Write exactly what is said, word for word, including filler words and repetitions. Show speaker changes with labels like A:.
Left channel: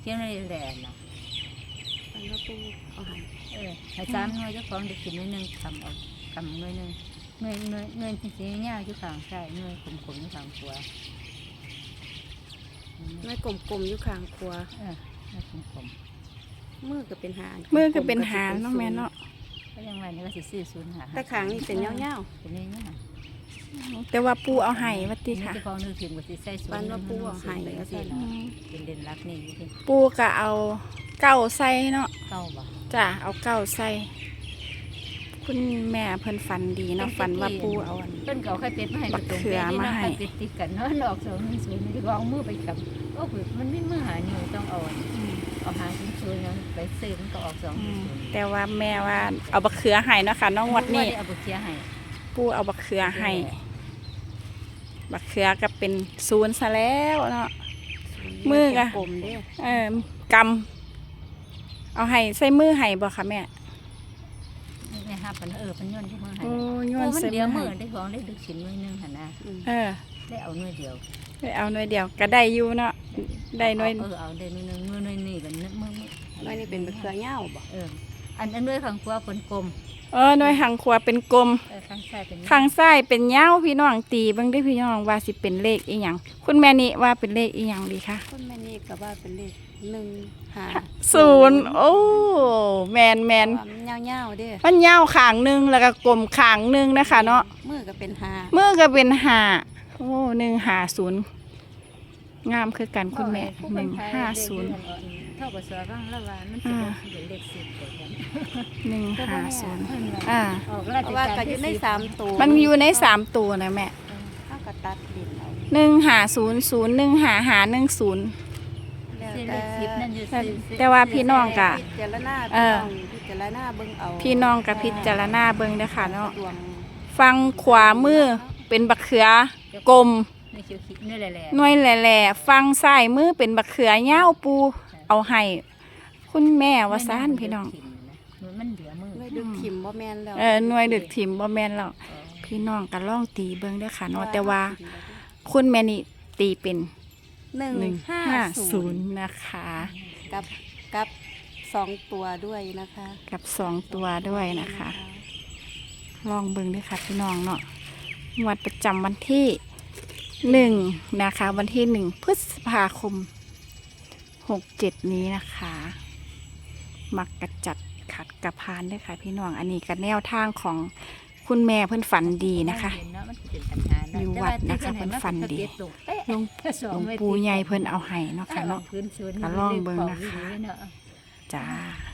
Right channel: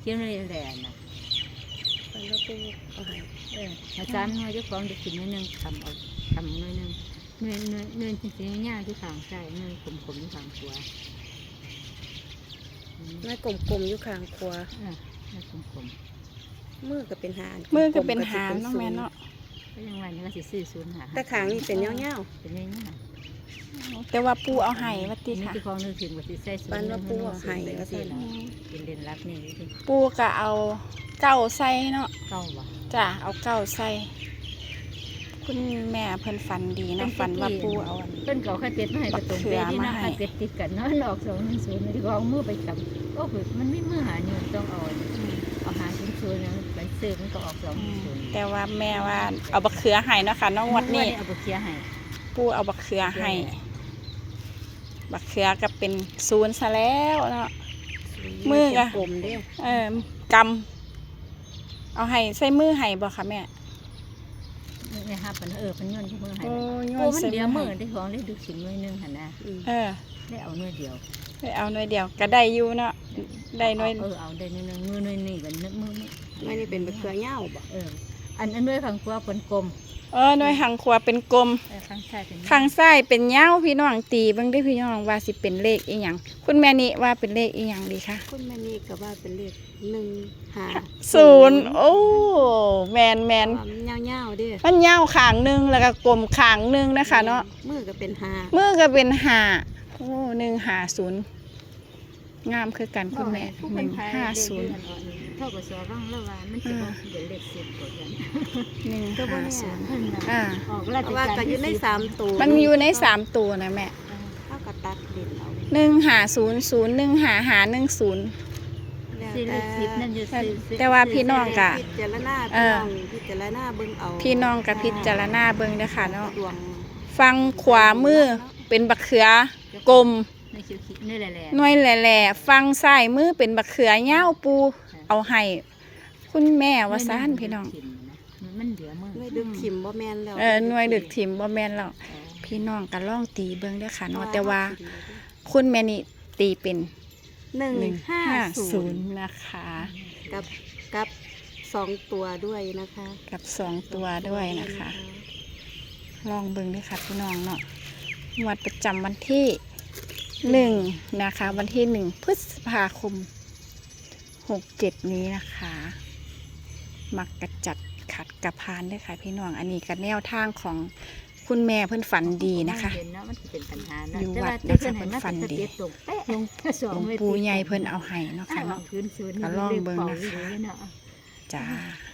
A: เขียนไว้แหลนนะ
B: ฝันว่าปูเอาให้
A: เออให้สามหน่วยเจ้าของได้กินหน่วยหนึ่งทำเอาทำหน่วยหนึ่งหน่วยหน่วยหน่วยจริงๆง่ายที่ทางใช่หน่วยขมๆที่ทางขวา
B: แม่กลมๆอยู่ข้างครัว
A: เออหน่วยขม
B: มือก็เป็นหาง
C: มือก็เป็นหางเนาะแม่เนาะ
A: ๆก็ยังไงนี่ก็สิซื้อศูนย์หา
B: แต่ขางนี่เป็นเงา
A: เป็นเรื่องง่าย
C: แต่ว่าปูเอาให้ว่าติ
A: นี่
C: ค่ะ
A: ที่ของนึกถึงว่าสิใส่ศูนย์
B: ๆฝันว่าปูเอาให้
A: ก็
B: ก็
A: สิ
B: สิ
A: เป็นเด่นรักนี่ที่
C: ปูก็เอาเก้าใส่เนาะ
A: เก้าบ่
C: จ้ะเอาเก้าใส่คุณแม่เพิ่นฝันดีนะฝันว่าปูเอาอัน
A: เพิ่นเขาเคยเป็ดมาให้กระตรงเป็ดที่นั่งเป็ดติดกันเนาะหลอกสองศูนย์ลองมือไปจับโอ้เบิดมันไม่มือหานี่ต้องเอาเอาหาชิ้นส่วนนั้นไปซื้อมันก็ออกสองศูนย์
C: แต่ว่าแม่ว่าเอาบักเขือให้เนาะค่ะน้องวัดนี้
A: เอาไปเคลียร์ให้
C: ปูเอาบักเขือให้บักเขือก็เป็นศูนย์ซะแล้วเนาะ มือก็
B: กลมเด้
C: เออกำเอาให้ใส่มือให้บ่ค่ะแม่
A: ไม่ห้าพันเออเป็นเงินที่มือให้
C: โอ้ย
A: โอ้
C: มัน
A: มัน
C: ใส่
A: เดียว
C: มื
A: มื
C: อ
A: อ
C: ให้
A: ที่ของได้ดึกสินมือนึงหันนะ
C: เออ
A: ได้เอาเนื้อเดียว
C: ได้เอาหน่วยเดียวก็ได้อยู่เนาะได้หน่วย
A: เออเอาได้เนื้อนึงมือนึงนี่กันเนื้อมือ
B: ไม่ได้เป็นตะเกียบเหย้าบ่
A: เอออันอันด้วยของกว่าเป็นกลม
C: เออหน่วยหางขวาเป็นกลม
A: เออข้างซ้ายเป็น
C: ข้างซ้ายเป็นยาวพี่น้องตีเบิ่งได้พี่น้องว่าสิเป็นเลขอีหยังคุณแม่นี่ว่าเป็นเลขอีหยังดีคะ
B: คุณแม่นี่ก็ว่าเป็นเลขหนึ่งห้า
C: ศูนย์โอ้แมนแมน
B: ความเงาๆเด้
C: มันยาวขางหนึงแล้วก็กลมขางหนึงนะคะเนาะ
B: มือก็เป็นหา
C: มือก็เป็นห้าโอ้หนึ่งห้าศูนย์งามคือกันคุณแม่หนึ่งห้าศูนย์
A: เท่ากับสวร่างละวานมันจะเป็นเลขสิบกว่ากัน
C: หนึ่งห้าศูนย์อ่า
A: ออกรา
B: เพ
A: ช
B: ราะว่า
A: การ
B: ก็อยู่ในสามตัว
C: มันอยู่ในสามตัวนะแม่
B: เท่ากับตัดดินเอา
C: หนึ่งห้าศูนย์ศูนย์หนึ่งห้าห้าหนึ่งศูนย์
B: แล้ว
A: สี่เล
B: แต่
A: ขสิบนั่นอยู่
C: แต่ว่าพี่น้องกะ
B: พิจารณาพี่น้องพิจารณาเบิ่งเอา
C: พี่น้องกับพิจารณาเบิ่งเด้อค่ะเนาะ
B: ดวง
C: ฟังขวามือเป็นบักเขือกลม
A: ในคิวคิดนี่แหละแหละ
C: หน่วยแหล่ๆฟังซ้ายมือเป็นบักเขือยาวปูเอาให้คุณแม่ว่าซ่านพี่น้อง
A: มันเหลือมือ
B: ไม่ดึกถิ่มบ่แม่นแล้ว
C: เออหน่วยดึกถิ่มบ่แม่นแล้วพี่น้องก็ลองตีเบิ่งเด้อค่ะเนาะแต่ว่าคุณแม่นี่ตีเป็น
B: หนึ่ง
C: หนึ่ง
B: ห้า
C: ห้า
B: ศู
C: ศู
B: น
C: น
B: ย์
C: ย์นะคะ
B: กับกับสองตัวด้วยนะคะ
C: กับสองตัวด้วยนะคะ ลองเบิ่งด้วยค่ะพี่น้องเนาะงวัดประจำวันที่หนึ่งนะคะ วันที่หนึ่งพฤษภาคมหกเจ็ดนี้นะคะ มักกระจัดขัดกระพานด้วยค่ะพี่น้องอันนี้กันแนวทางของคุณแม่เพิ่นฝันดีนะคะ อยู่วัดนะคะเพิ่นฝันดีหลวงหลวงปู่ใหญ่เพิ่นเอาให้เนาะค่ะเนาะก็ลองเบิ่งนะคะจ้า